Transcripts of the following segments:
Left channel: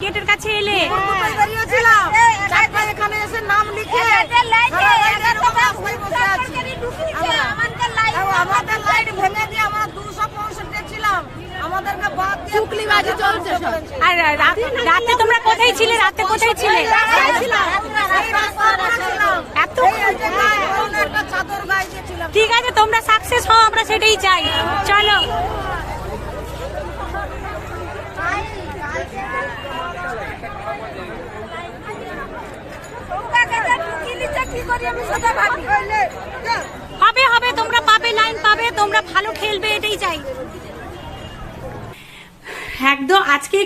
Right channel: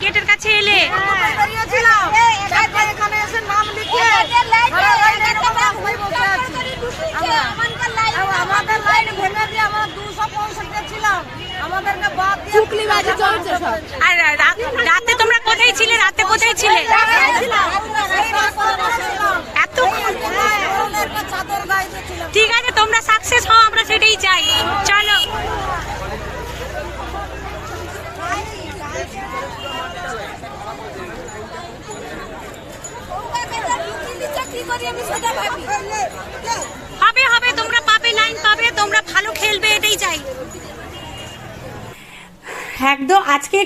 গেটের কাছে এলে নাম লিখে আমাদের লাইন ভেঙে দিয়ে আমরা দুশো পঁয়ষট্টি ছিলাম আমাদেরকে বাদ দিয়ে চুকলি বাজি চলছে আর রাত- রাতে তোমরা কোথায় ছিলে রাতে কোথায় ছিলে ঠিক আছে তোমরা সাকসেস হও আমরা সেটাই চাই চলো হবে হবে, তোমরা পাবে, লাইন পাবে, তোমরা ভালো খেলবে, এটাই চাই। একদম আজকে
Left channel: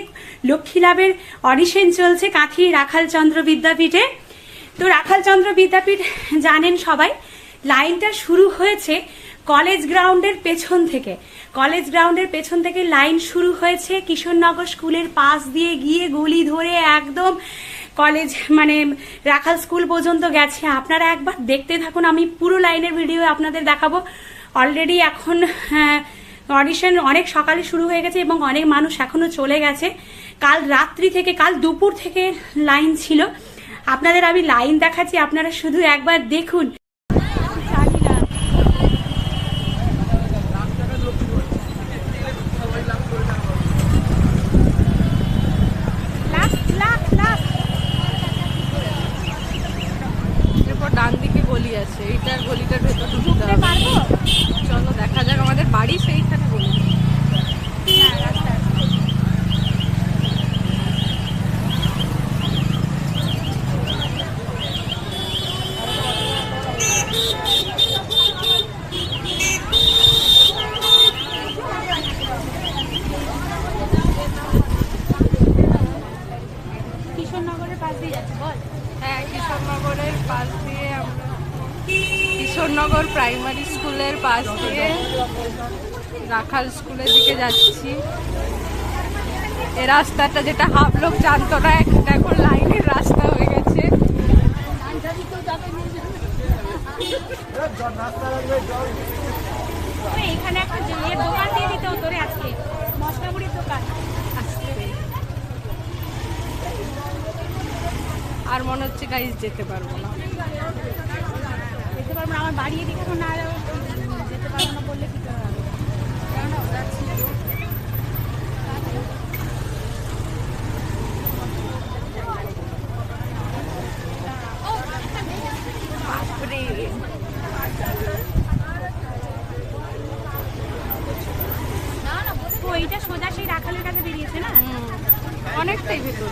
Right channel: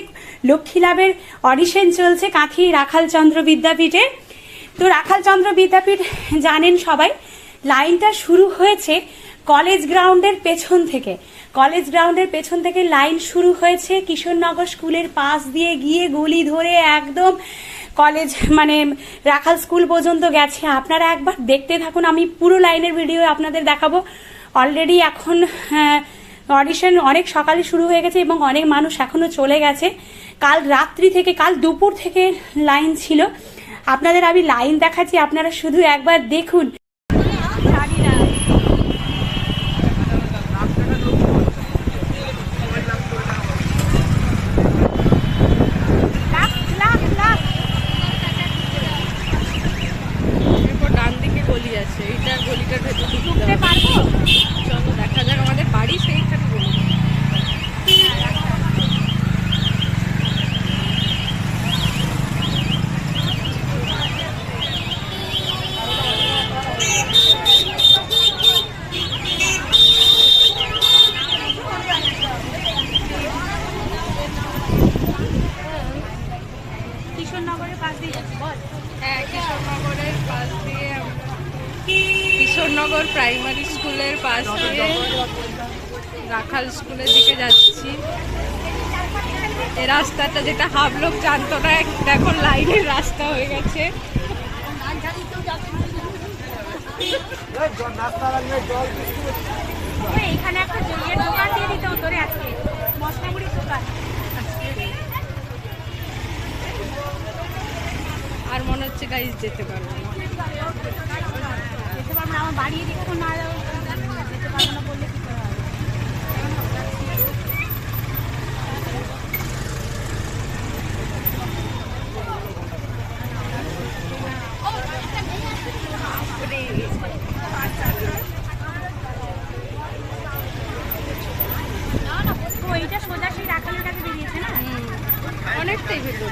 লক্ষ্মী লাভের অডিশন চলছে কাঁথি রাখাল চন্দ্র বিদ্যাপীঠে। তো রাখাল চন্দ্র বিদ্যাপীঠ জানেন সবাই, লাইনটা শুরু হয়েছে কলেজ গ্রাউন্ডের পেছন থেকে। কলেজ গ্রাউন্ডের পেছন থেকে লাইন শুরু হয়েছে কিশোরনগর স্কুলের পাশ দিয়ে গিয়ে গলি ধরে একদম কলেজ মানে রাখাল স্কুল পর্যন্ত গেছে। আপনারা একবার দেখতে থাকুন, আমি পুরো লাইনের ভিডিও আপনাদের দেখাবো। অলরেডি এখন অডিশন অনেক সকালে শুরু হয়ে গেছে এবং অনেক মানুষ এখনও চলে গেছে। কাল রাত্রি থেকে, কাল দুপুর থেকে লাইন ছিল। আপনাদের আমি লাইন দেখাচ্ছি, আপনারা শুধু একবার দেখুন এরপর ডান দিকে গলি আছে এইটার গলিটার ভেতর ঢুকতে হবে। চলো দেখা যাক আমাদের বাড়ি সেইখানে গলি কিশোরনগরের পাশ দিয়ে যাচ্ছি বল। হ্যাঁ কিশোরনগরের পাশ দিয়ে কিশোরনগর প্রাইমারি স্কুলের পাশ দিয়ে রাখাল স্কুলের দিকে যাচ্ছি। এই রাস্তাটা যেটা হাফ লোক জানতো না এখন লাইনের রাস্তা হয়ে গেছে। এখানে একটা ইয়ের দোকান দিয়ে দিতে হতো রে আজকে। মশলামুড়ির দোকান। আর মনে হচ্ছে গাইজ যেতে পারব না। যেতে পারব না, আমার বাড়ি এদিকে এখন না যেতে পারব না বললে কী করে হবে? এইটা সোজা সেই রাখালের কাছে বেরিয়েছে না? অনেকটাই ভেতর।